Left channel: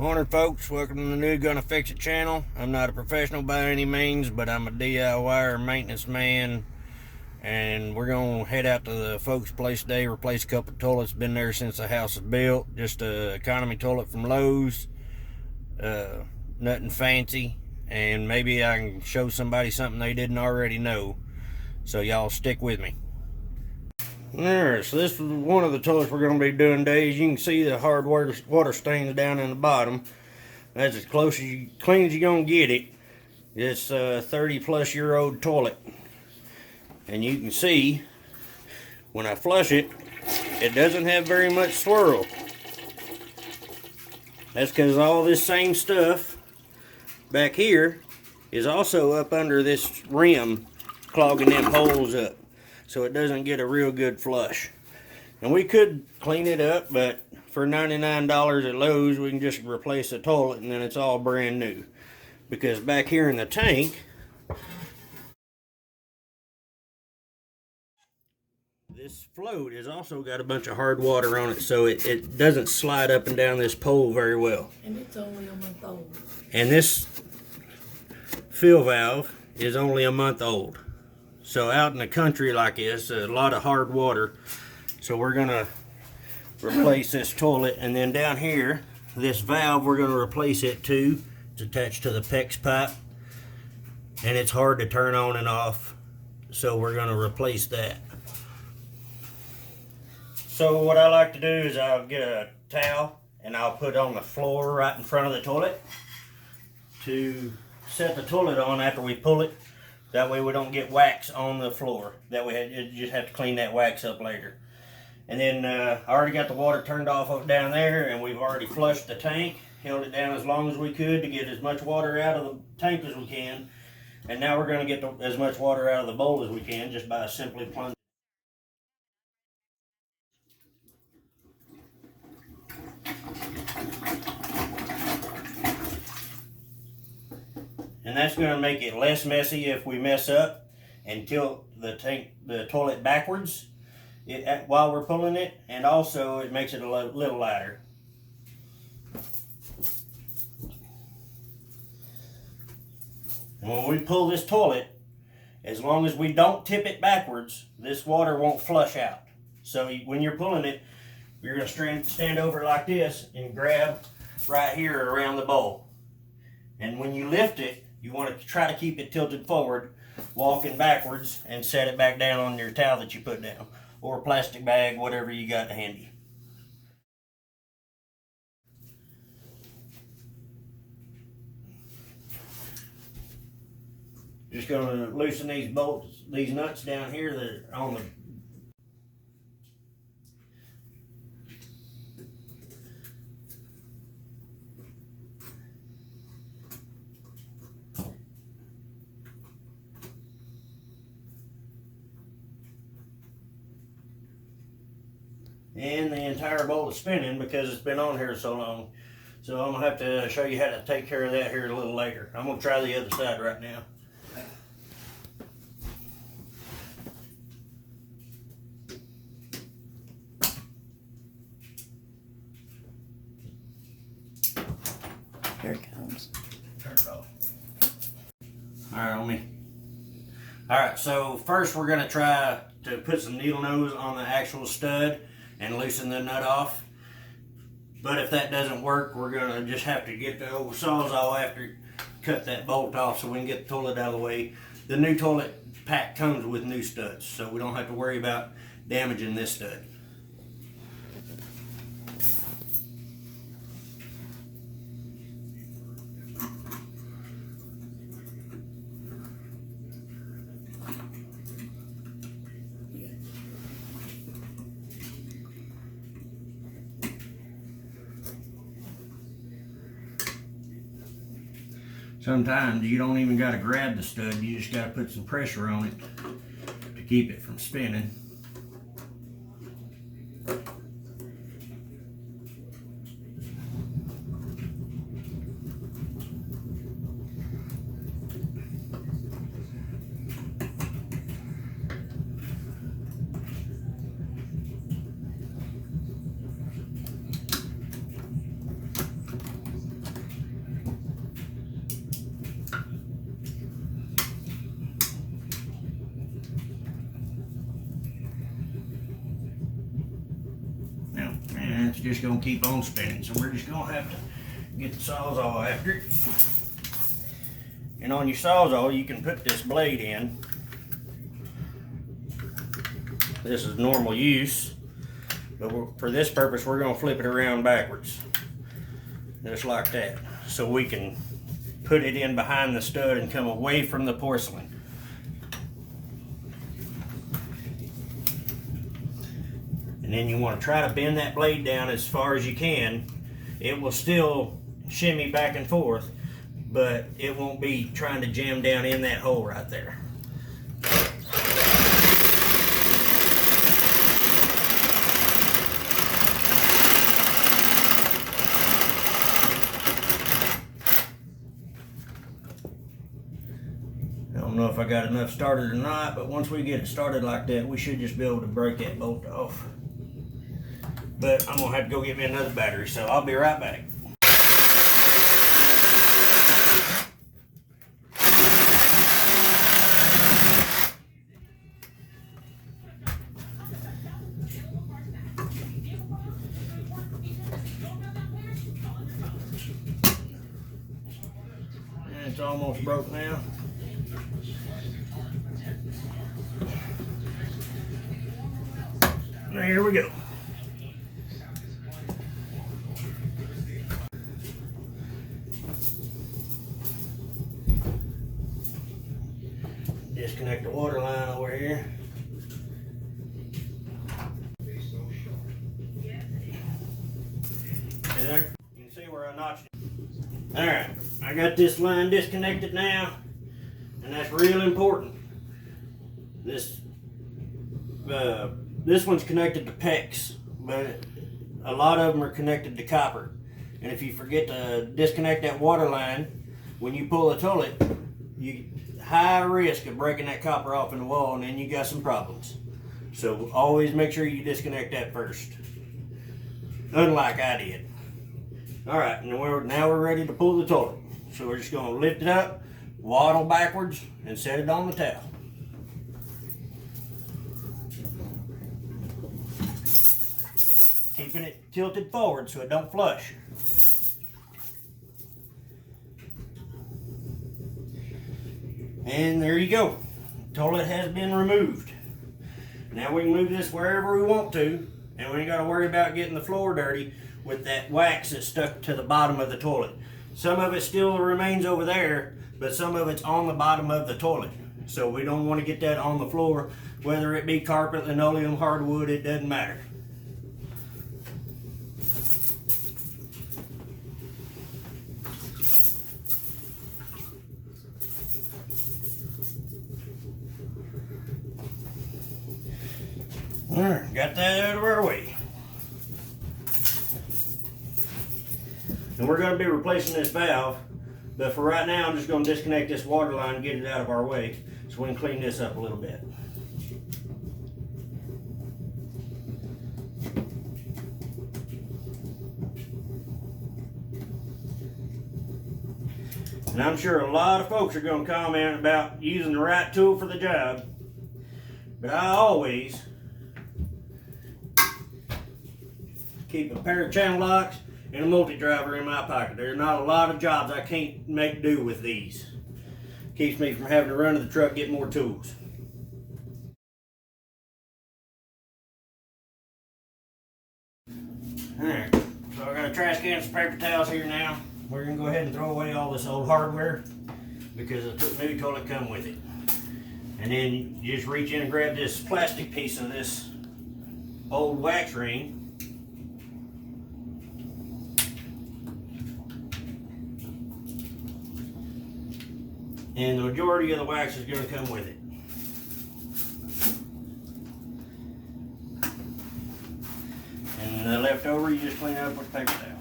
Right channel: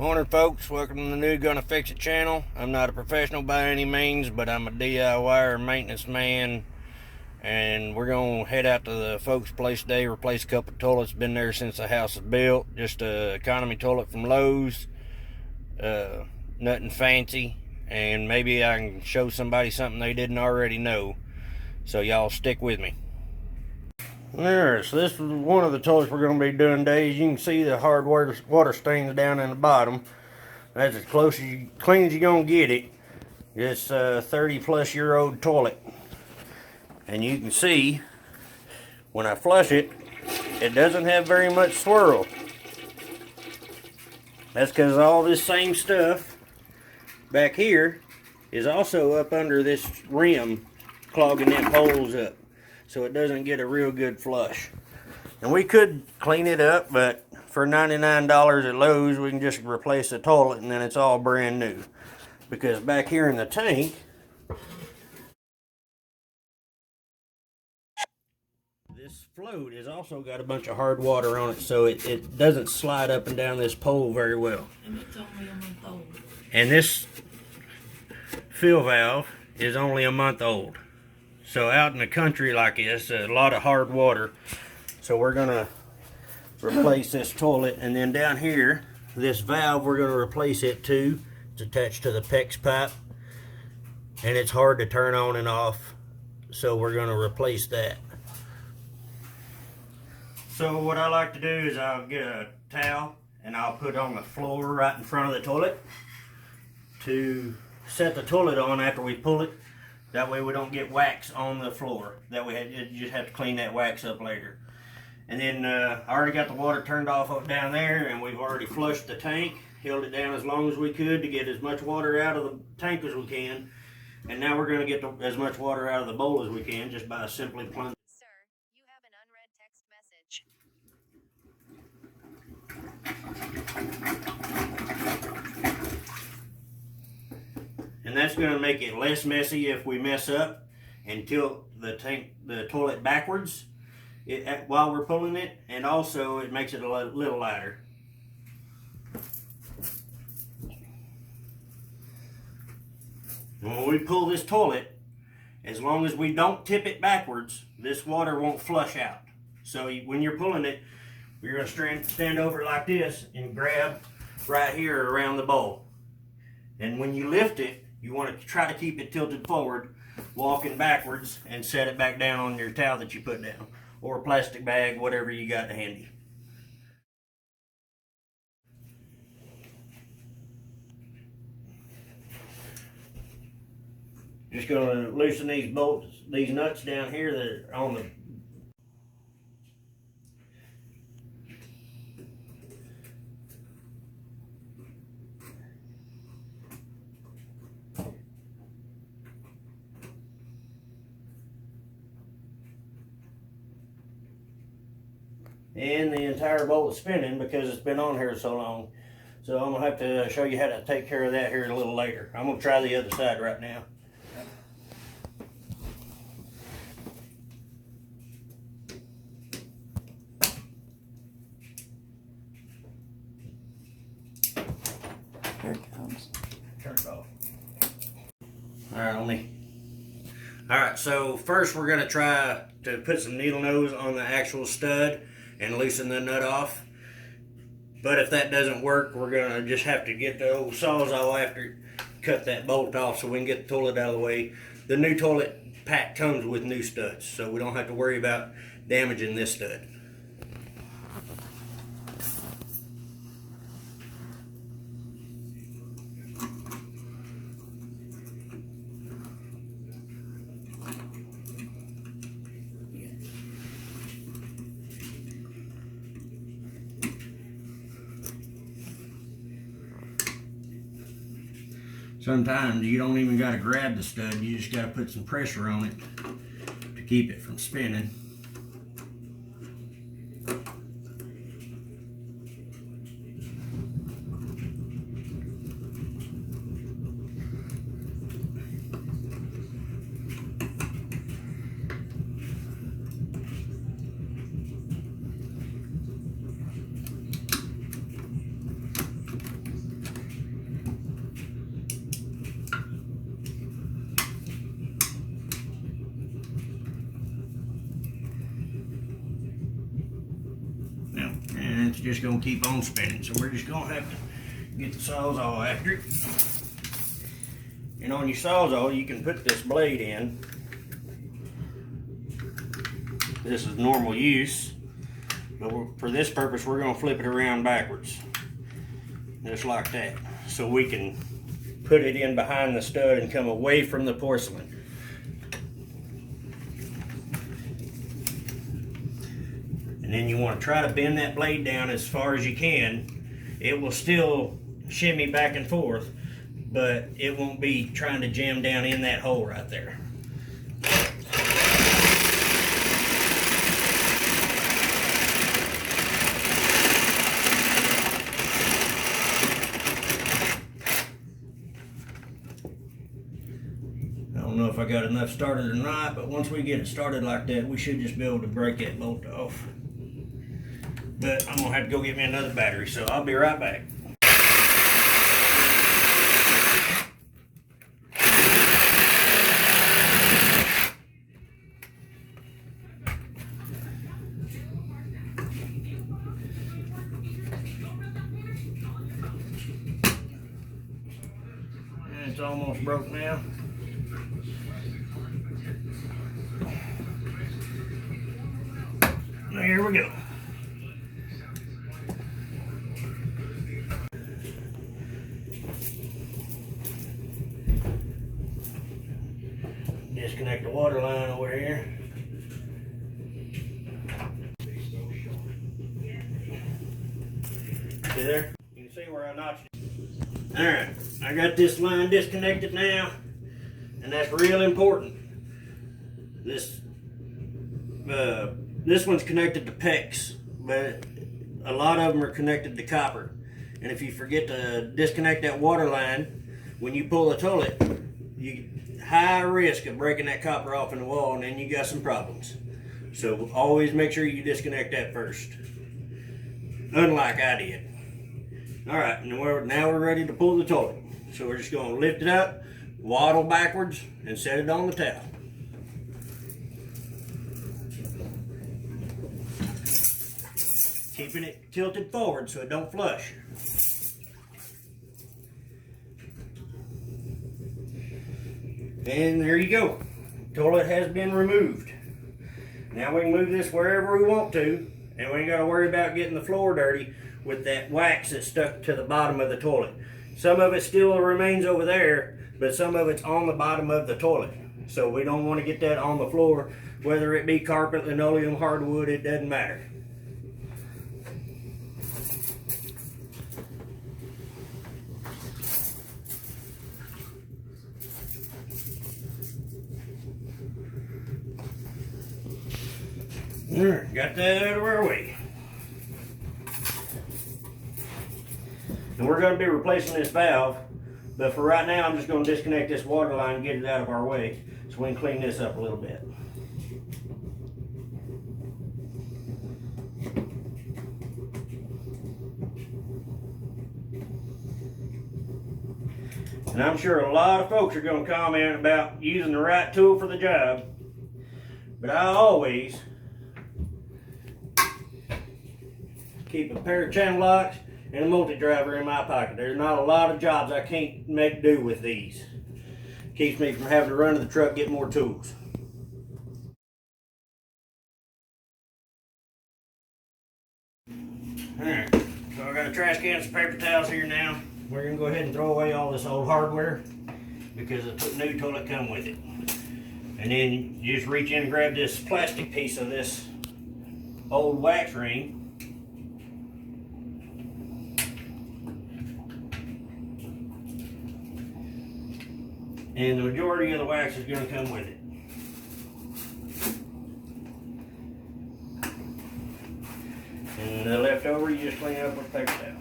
Morning folks, welcome to the new GonnaFixIt channel. I'm not a professional by any means, but I'm a DIYer maintenance man, and we're going to head out to the folks' place today, replace a couple of toilets. Been there since the house was built. Just a economy toilet from Lowe's, nothing fancy, and maybe I can show somebody something they didn't already know. So y'all stick with me. Alright, so this is one of the toilets we're going to be doing today. As you can see, the hard water stains down in the bottom. That's as close clean as you're going to get it. It's a 30-plus-year-old toilet. And you can see, when I flush it, it doesn't have very much swirl. That's because all this same stuff back here is also up under this rim, clogging them holes up, so it doesn't get a real good flush. And we could clean it up, but for $99 at Lowe's, we can just replace the toilet and then it's all brand new. Because back here in the tank, this float has also got a bunch of hard water on it, so it doesn't slide up and down this pole very well. And it's only a month old. And this fill valve is only a month old. So out in the country like this, a lot of hard water. So we're gonna replace this toilet, and then down here, this valve, we're gonna replace it too. It's attached to the PEX pipe, and it's hard to turn on and off. So we're gonna replace that. So what I like to do is I'll get a towel and I'll put it on the floor right in front of the toilet to set the toilet on after we pull it. That way we don't get wax on the floor. That way you just have to clean that wax up later. And then I already got the water turned off down there, and we've already flushed the tank, held it down as long as we could to get as much water out of the tank as we can. And now we're going to get as much water out of the bowl as we can just by simply plunging. Sir, you have an unread text message. And that's going to make it less messy if we mess up and tilt the toilet backwards while we're pulling it, and also it makes it a little lighter. When we pull this toilet, as long as we don't tip it backwards, this water won't flush out. So when you're pulling it, you're going to stand over like this and grab right here around the bowl. And when you lift it, you want to try to keep it tilted forward, walking backwards, and set it back down on your towel that you put down, or a plastic bag, whatever you got handy. Just going to loosen these bolts, these nuts down here that are on the and the entire bolt is spinning because it's been on here so long. So I'm gonna have to show you how to take care of that here a little later. I'm gonna try the other side right now. Here it comes. Turn it off. Alright, so first we're gonna try to put some needle nose on the actual stud and loosen the nut off. But if that doesn't work, we're gonna just have to get the old sawzall after cut that bolt off so we can get the toilet out of the way. The new toilet pack comes with new studs, so we don't have to worry about damaging this stud. Sometimes you don't even got to grab the stud, you just got to put some pressure on it to keep it from spinning. just gonna keep on spinning. So we're just gonna have to get the Sawzall after it. And on your Sawzall, you can put this blade in. This is normal use, but for this purpose, we're gonna flip it around backwards, just like that, so we can put it in behind the stud and come away from the porcelain. And then you want to try to bend that blade down as far as you can. It will still shimmy back and forth, but it won't be trying to jam down in that hole right there. I don't know if I got enough started or not, but once we get it started like that, we should just be able to break that bolt off. But I'm gonna have to go get me another battery, so I'll be right back. And it's almost broke now. Now here we go. Disconnect the water line over here. See there? You can see where I notched it. Alright, I got this line disconnected now, and that's real important. This one's connected to PEX, but a lot of them are connected to copper. And if you forget to disconnect that water line, when you pull the toilet, you high risk of breaking that copper off in the wall, and then you got some problems. So always make sure you disconnect that first, unlike I did. Alright, and now we're ready to pull the toilet. So we're just going to lift it up, waddle backwards, and set it on the towel. Keeping it tilted forward so it don't flush. And there you go. The toilet has been removed. Now we can move this wherever we want to, and we ain't got to worry about getting the floor dirty with that wax that's stuck to the bottom of the toilet. Some of it still remains over there, but some of it's on the bottom of the toilet. So we don't want to get that on the floor, whether it be carpet, linoleum, hardwood, it doesn't matter. Got that out of our way. And we're going to be replacing this valve, but for right now I'm just going to disconnect this water line and get it out of our way so we can clean this up a little bit. And I'm sure a lot of folks are going to comment about using the right tool for the job, but I always keep a pair of channel locks and a multi-driver in my pocket. There's not a lot of jobs I can't make do with these. Keeps me from having to run to the truck, get more tools. Alright, so I got a trash can and some paper towels here now. We're going to go ahead and throw away all this old hardware because the new toilet come with it. And then you just reach in and grab this plastic piece of this old wax ring. And the majority of the wax is going to come with it. And the leftover you just clean up with paper towels.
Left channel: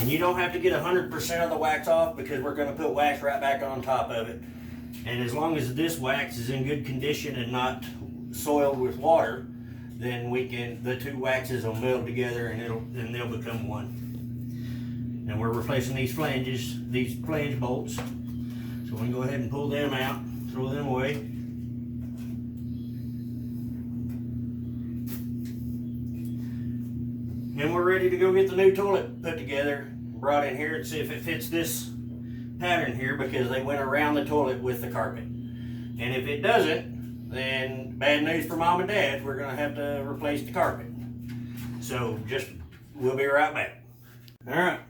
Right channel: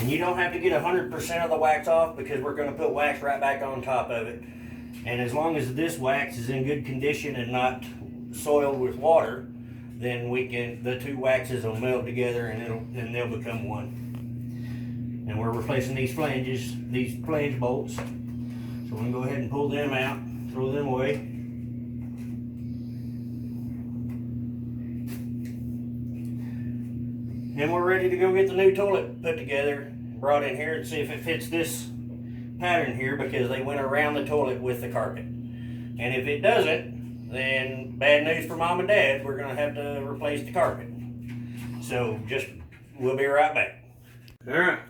And you don't have to get 100% of the wax off because we're gonna put wax right back on top of it. And as long as this wax is in good condition and not soiled with water, then the two waxes will meld together and they'll become one. And we're replacing these flange bolts. So we're gonna go ahead and pull them out, throw them away. And we're ready to go get the new toilet put together, brought in here and see if it fits this pattern here, because they went around the toilet with the carpet. And if it doesn't, then bad news for mom and dad, we're gonna have to replace the carpet. So we'll be right back. All right,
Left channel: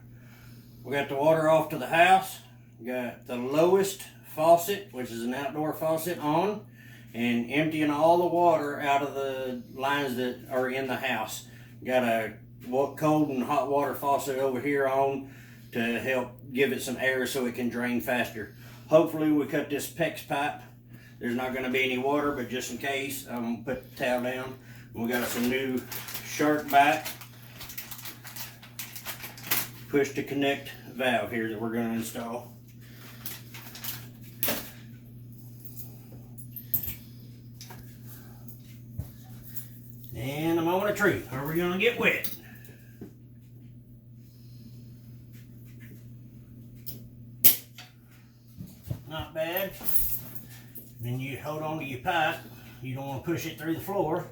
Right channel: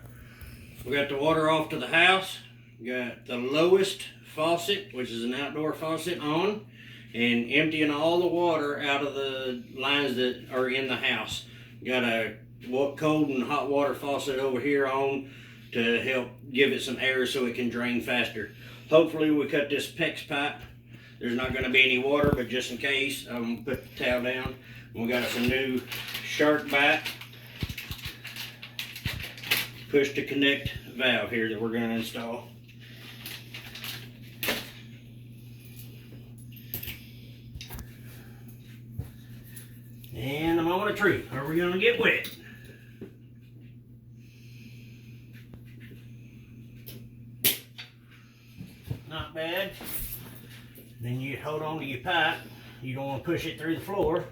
we got the water off to the house. We got the lowest faucet, which is an outdoor faucet, on, and emptying all the water out of the lines that are in the house. Got a cold and hot water faucet over here on to help give it some air so it can drain faster. Hopefully we cut this PEX pipe. There's not going to be any water, but just in case, I'm going to put the towel down. We got us a new shark bite push to connect valve here that we're going to install. And a moment of truth. Are we going to get wet? Not bad. Then you hold on to your pipe. You don't want to push it through the floor.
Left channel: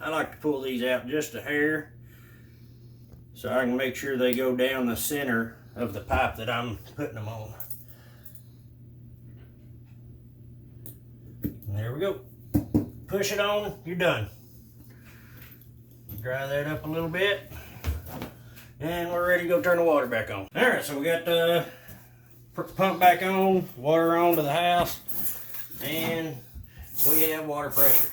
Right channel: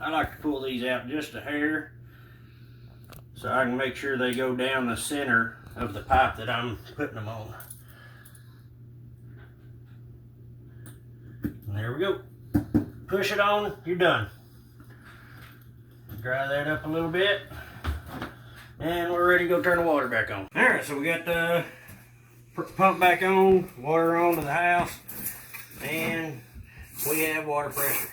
I like to pull these out just a hair so I can make sure they go down the center of the pipe that I'm putting them on. And there we go. Push it on, you're done. Dry that up a little bit. And we're ready to go turn the water back on. All right, so we got the pump back on, water on to the house, and we have water pressure.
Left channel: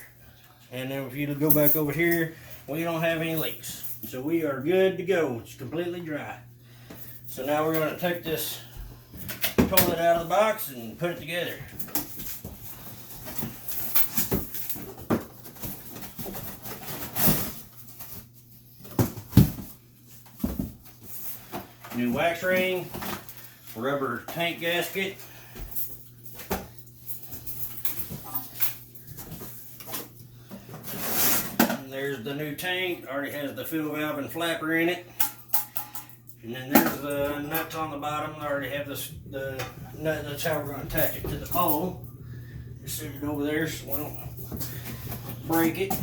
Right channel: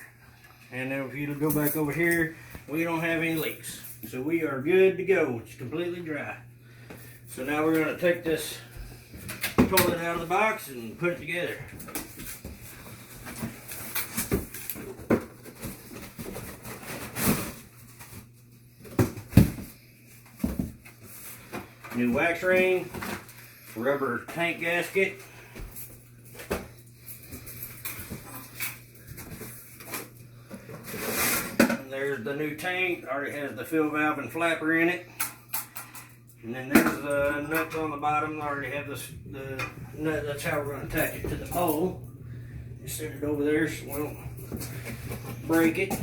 And then if you go back over here, we don't have any leaks. So we are good to go. It's completely dry. So now we're gonna take this toilet out of the box and put it together. New wax ring, rubber tank gasket, and there's the new tank. Already has the fill valve and flapper in it. And then there's the nuts on the bottom. I already have the nut. That's how we're going to attach it to the pole. Just set it over there so we don't break it.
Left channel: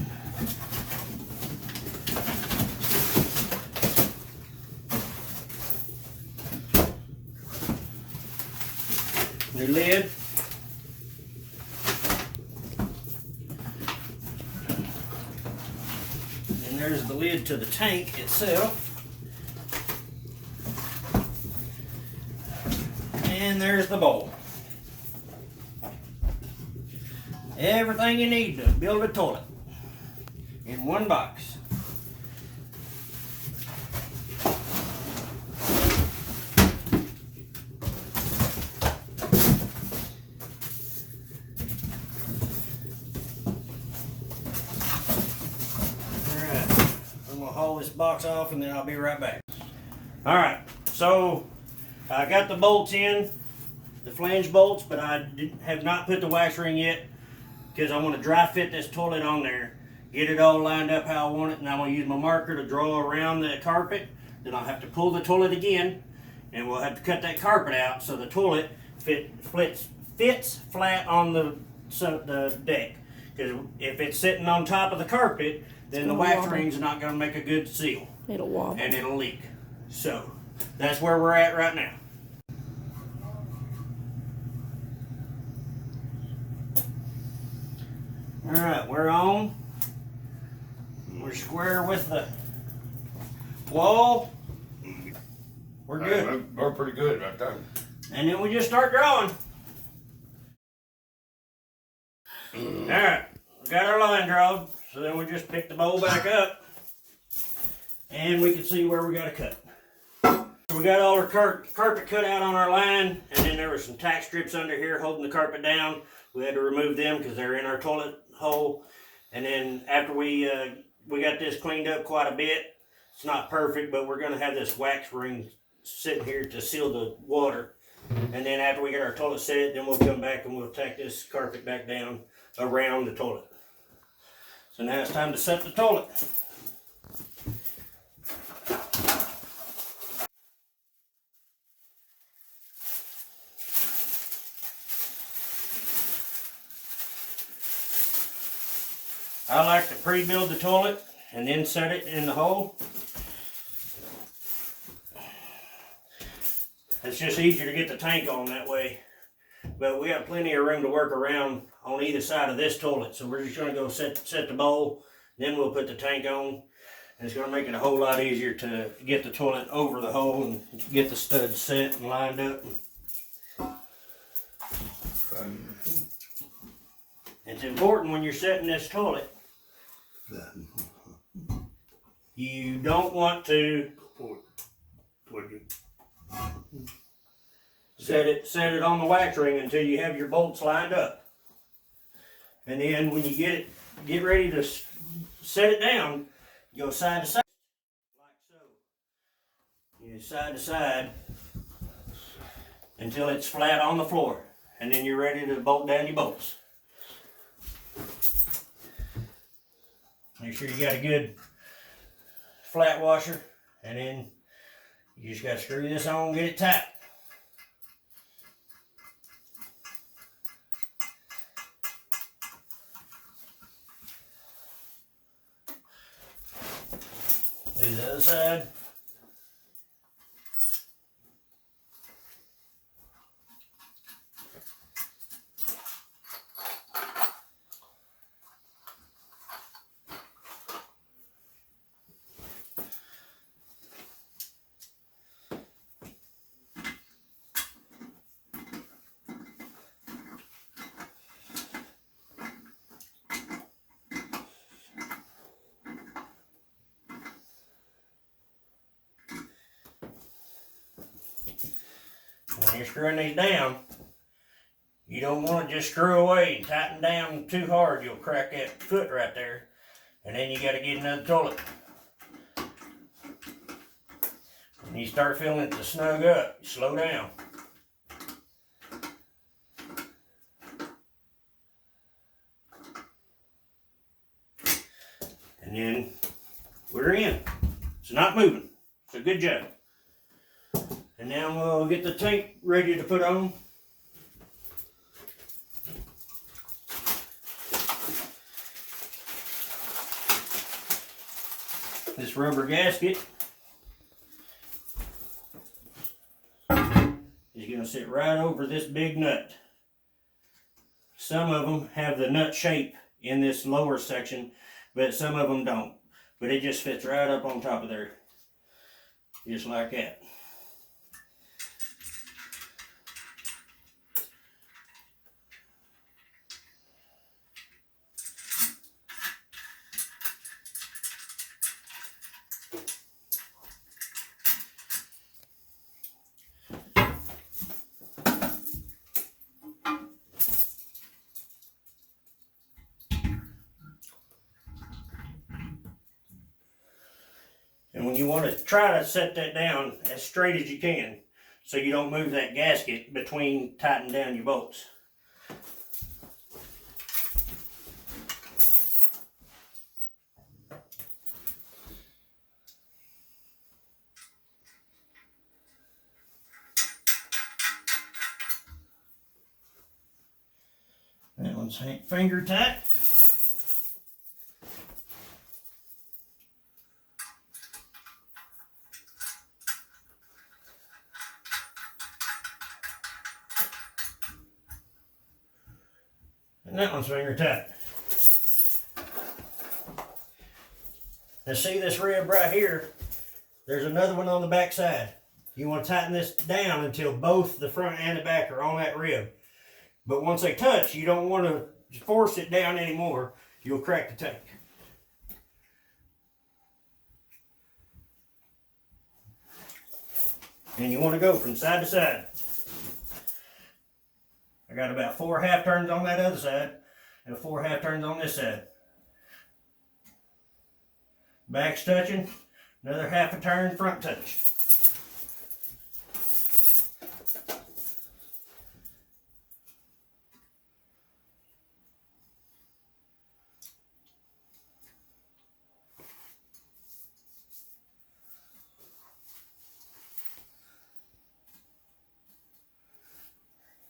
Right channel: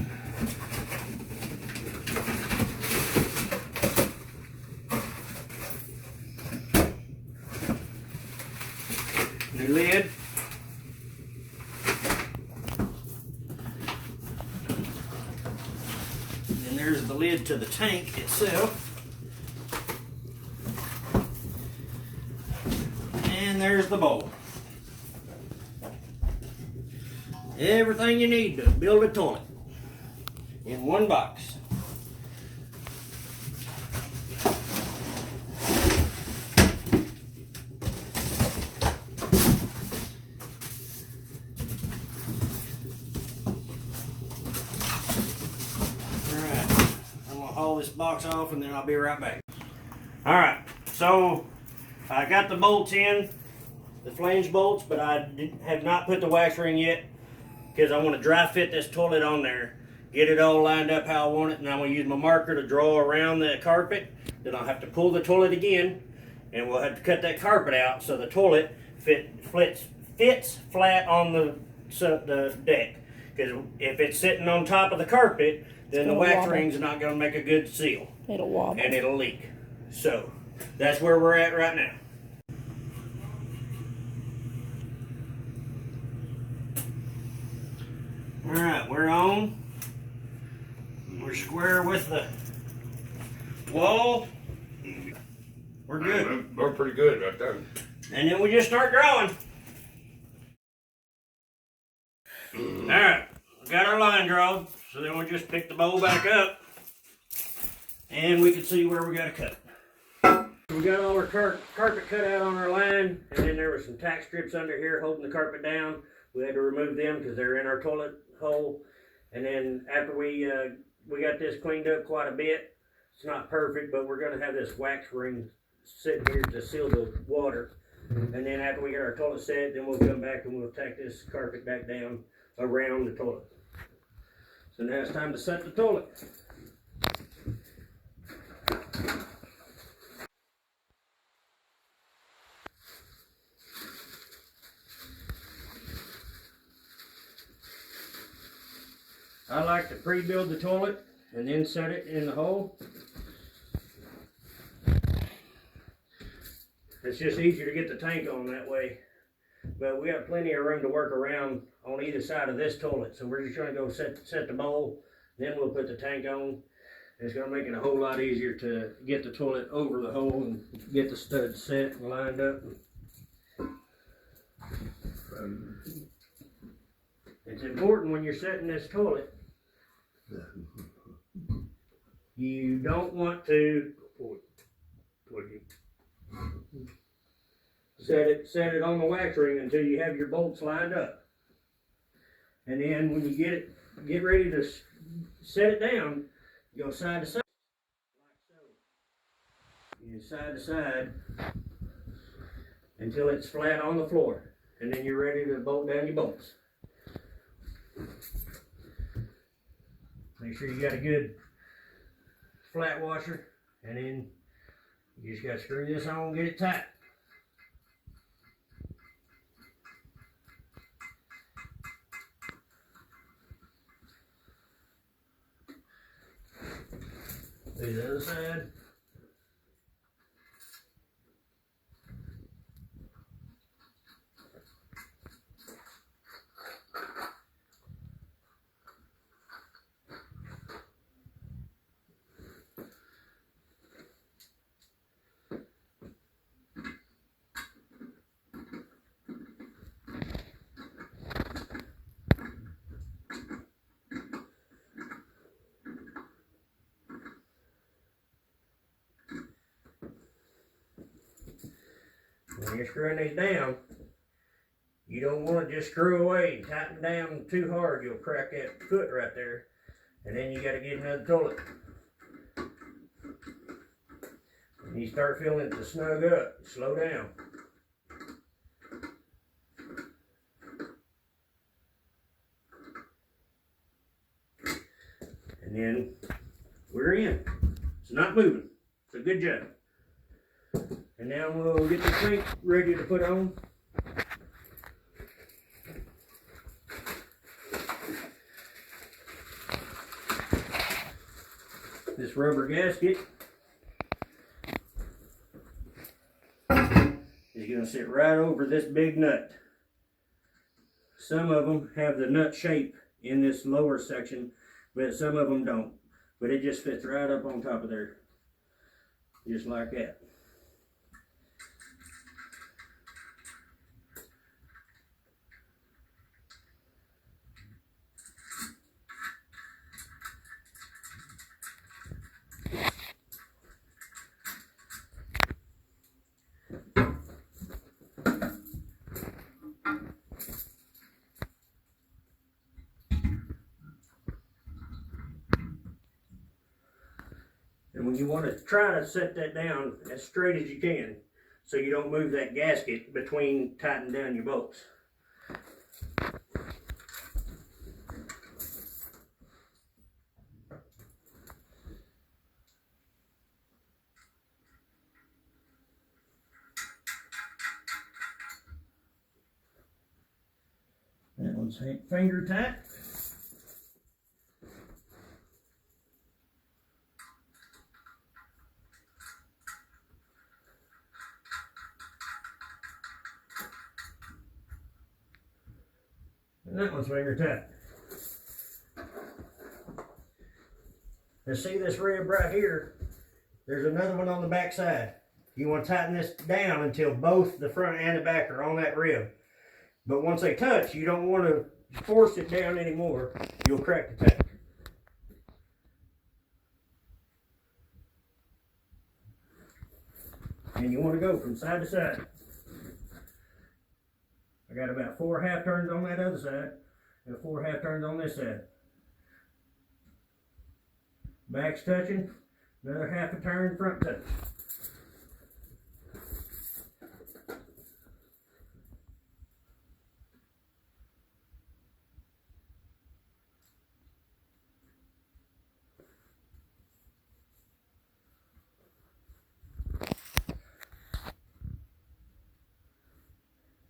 New lid. Then there's the lid to the tank itself. And there's the bowl. Everything you need to build a toilet in one box. Haul this box off and then I'll be right back. Alright, so I got the bolts in, the flange bolts, but I have not put the wax ring yet because I want to dry fit this toilet on there, get it all lined up how I want it, and I'm going to use my marker to draw around the carpet. Then I'll have to pull the toilet again, and we'll have to cut that carpet out so the toilet fits flat on the deck. Because if it's sitting on top of the carpet, then the wax ring's not going to make a good seal. It'll wobble. And it'll leak. So, that's where we're at right now. Alright, we're on. We're square with the wall. We're good. We're pretty good right there. And then we just start drawing. Alright, we got our line drawn. So then we just pick the bowl back up and we can see where we got to cut. So we got all our carpet cut out on our line, and then there were some tack strips under here holding the carpet down. We had to remove them because they're in our toilet hole. And then after we we got this cleaned up quite a bit. It's not perfect, but we're gonna have this wax ring sitting here to seal the water. And then after we get our toilet set, then we'll come back and we'll tack this carpet back down around the toilet. So now it's time to set the toilet. I like to pre-build the toilet and then set it in the hole. It's just easier to get the tank on that way. But we have plenty of room to work around on either side of this toilet. So we're just gonna go set the bowl, then we'll put the tank on. And it's gonna make it a whole lot easier to get the toilet over the hole and get the studs set and lined up. It's important when you're setting this toilet, you don't want to set it on the wax ring until you have your bolts lined up. And then when you get ready to set it down, you go side to side, like so. You side to side until it's flat on the floor. And then you're ready to bolt down your bolts. Make sure you got a good flat washer, and then you just got to screw this on and get it tight. Do the other side. When you're screwing these down, you don't want to just screw away and tighten down too hard. You'll crack that foot right there, and then you got to get another toilet. When you start feeling it to snug up, you slow down. And then we're in. It's not moving. It's a good job. And now we'll get the tank ready to put on. This rubber gasket is going to sit right over this big nut. Some of them have the nut shape in this lower section, but some of them don't. But it just fits right up on top of there, just like that. And when you want to try to set that down as straight as you can, so you don't move that gasket between tightening down your bolts. That one's finger tight. And that one's finger tight. Now see this rib right here? There's another one on the back side. You want to tighten this down until both the front and the back are on that rib. But once they touch, you don't want to force it down anymore. You'll crack the tank. And you want to go from side to side. I got about 4 half turns on that other side and 4 half turns on this side. Back's touching. Another half a turn, front touch.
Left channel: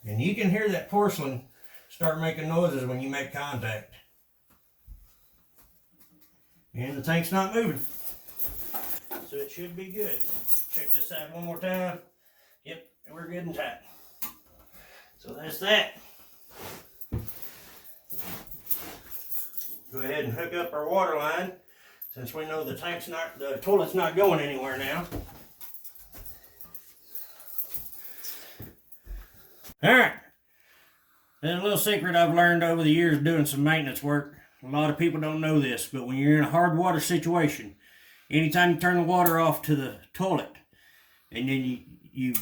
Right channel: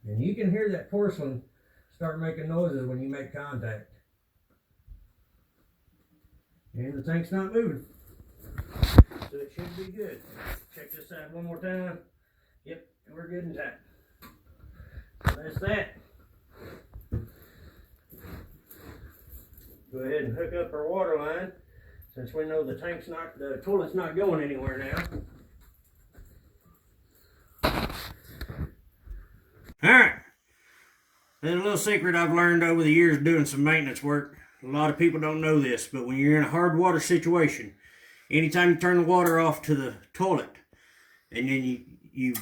And you can hear that porcelain start making noises when you make contact. And the tank's not moving. So it should be good. Check this side one more time. Yep, we're good and tight. So that's that. Go ahead and hook up our water line since we know the toilet's not going anywhere now. Alright, there's a little secret I've learned over the years doing some maintenance work. A lot of people don't know this, but when you're in a hard water situation, anytime you turn the water off to the toilet, and then you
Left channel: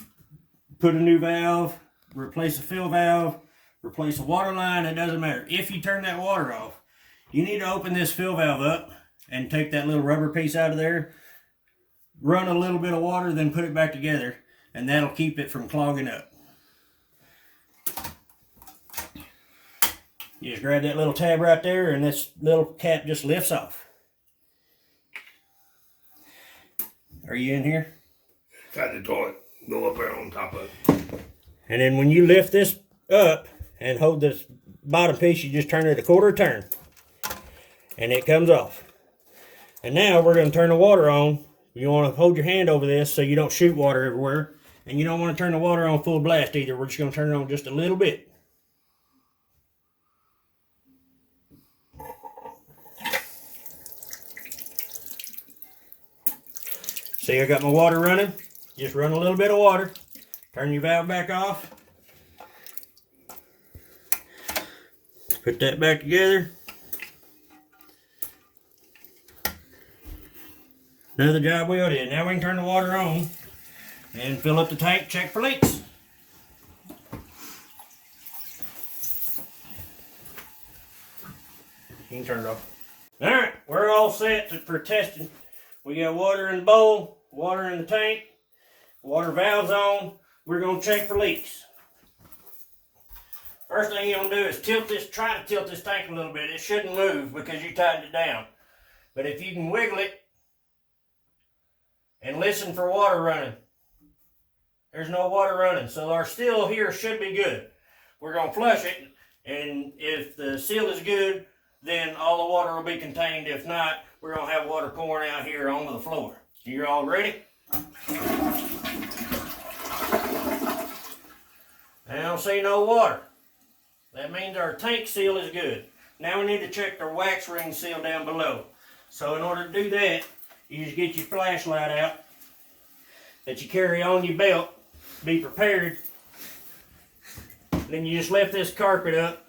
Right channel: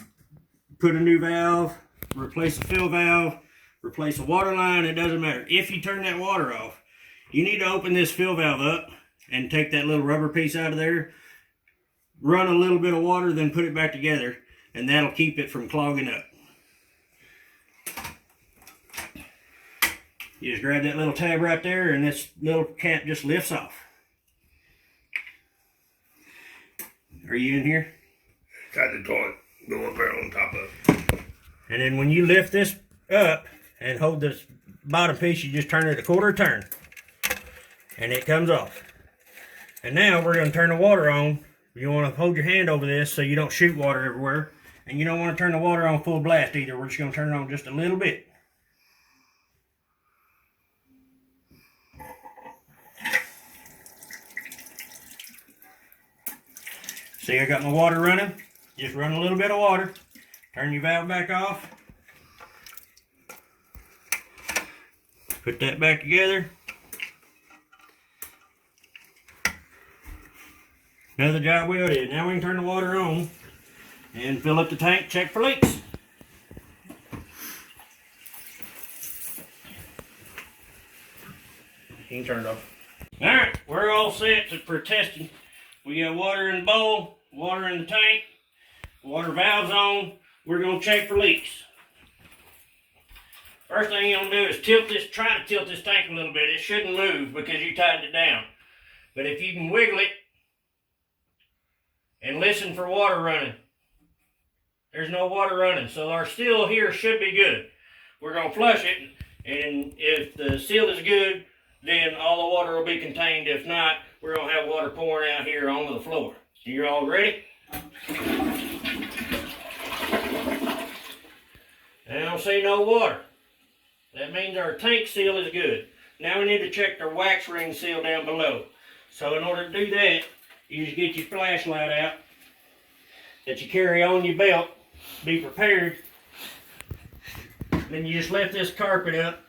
put a new valve, replace a fill valve, replace a water line, it doesn't matter. If you turn that water off, you need to open this fill valve up and take that little rubber piece out of there, run a little bit of water, then put it back together, and that'll keep it from clogging up. You just grab that little tab right there and this little cap just lifts off. Are you in here? Got the toilet. Go up there on top of it. And then when you lift this up and hold this bottom piece, you just turn it a quarter turn. And it comes off. And now we're going to turn the water on. You want to hold your hand over this so you don't shoot water everywhere. And you don't want to turn the water on full blast either. We're just going to turn it on just a little bit. See, I got my water running. Just run a little bit of water. Turn your valve back off. Put that back together. Another job well did. Now we can turn the water on and fill up the tank, check for leaks. You can turn it off. Alright, we're all set for testing. We got water in the bowl, water in the tank, water valves on. We're going to check for leaks. First thing you're going to do is try to tilt this tank a little bit. It shouldn't move because you tightened it down. But if you can wiggle it and listen for water running, there's no water running. So our seal here should be good. We're going to flush it, and if the seal is good, then all the water will be contained. If not, we're going to have water pouring out here onto the floor. You all ready? I don't see no water. That means our tank seal is good. Now we need to check our wax ring seal down below. So in order to do that, you just get your flashlight out that you carry on your belt. Be prepared. Then you just lift this carpet up,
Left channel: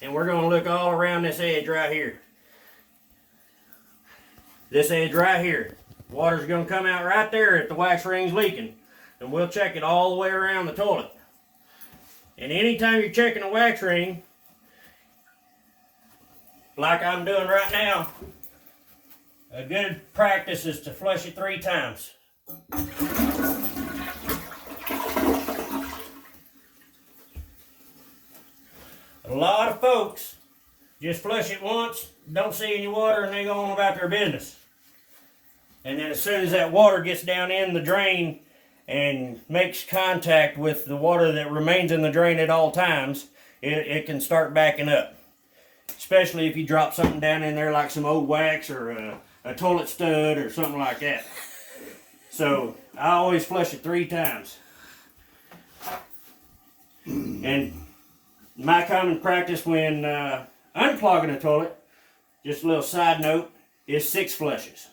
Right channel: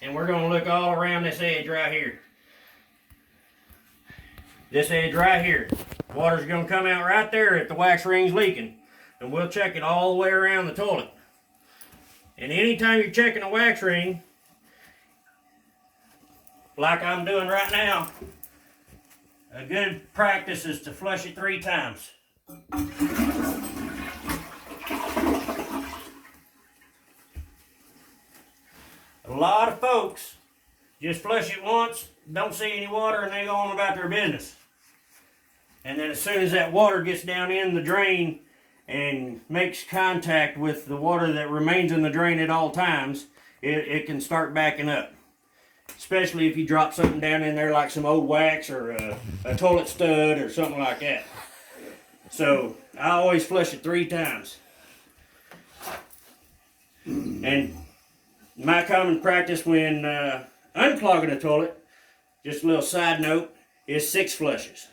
and we're going to look all around this edge right here. This edge right here. Water's going to come out right there if the wax ring's leaking. And we'll check it all the way around the toilet. And anytime you're checking a wax ring, like I'm doing right now, a good practice is to flush it 3 times. A lot of folks just flush it once, don't see any water, and they go on about their business. And then as soon as that water gets down in the drain and makes contact with the water that remains in the drain at all times, it can start backing up. Especially if you drop something down in there like some old wax or a toilet stud or something like that. So I always flush it 3 times. And my common practice when unclogging a toilet, just a little side note, is 6 flushes.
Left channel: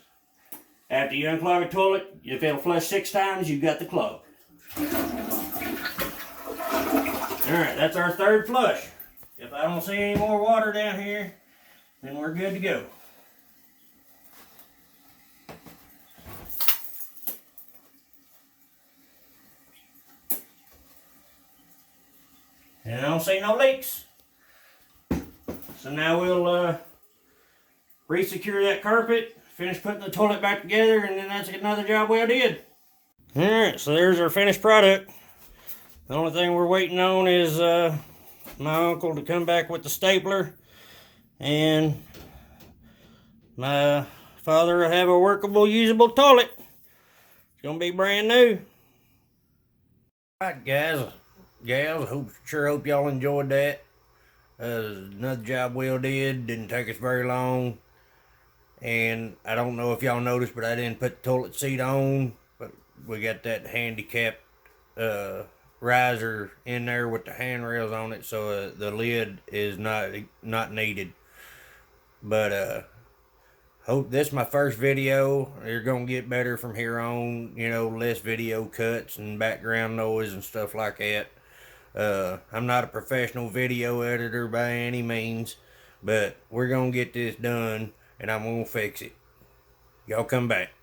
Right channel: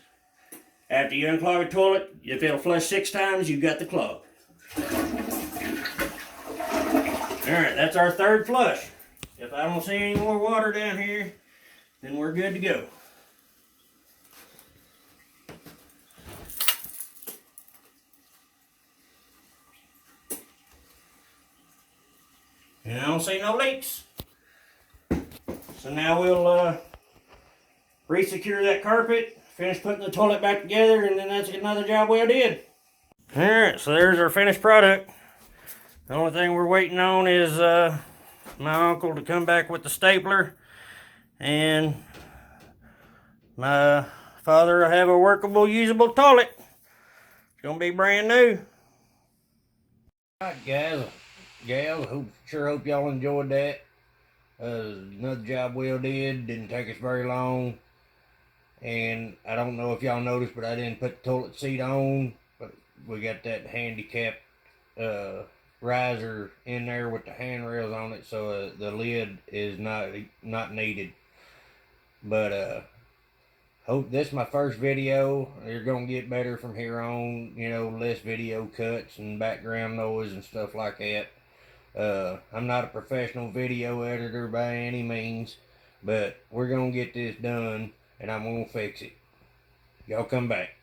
After you unclog a toilet, if it'll flush 6 times, you've got the clog. Alright, that's our 3rd flush. If I don't see any more water down here, then we're good to go. And I don't see no leaks. So now we'll re-secure that carpet, finish putting the toilet back together, and then that's another job well did. Alright, so there's our finished product. The only thing we're waiting on is my uncle to come back with the stapler, and my father will have a workable, usable toilet. It's gonna be brand new. Alright, guys, gals, sure hope y'all enjoyed that. Another job well did. Didn't take us very long. And I don't know if y'all noticed, but I didn't put the toilet seat on. But we got that handicapped riser in there with the handrails on it, so the lid is not needed. But hope this is my first video. You're gonna get better from here on. You know, less video cuts and background noise and stuff like that. I'm not a professional video editor by any means, but we're gonna get this done, and I'm gonna fix it. Y'all come back.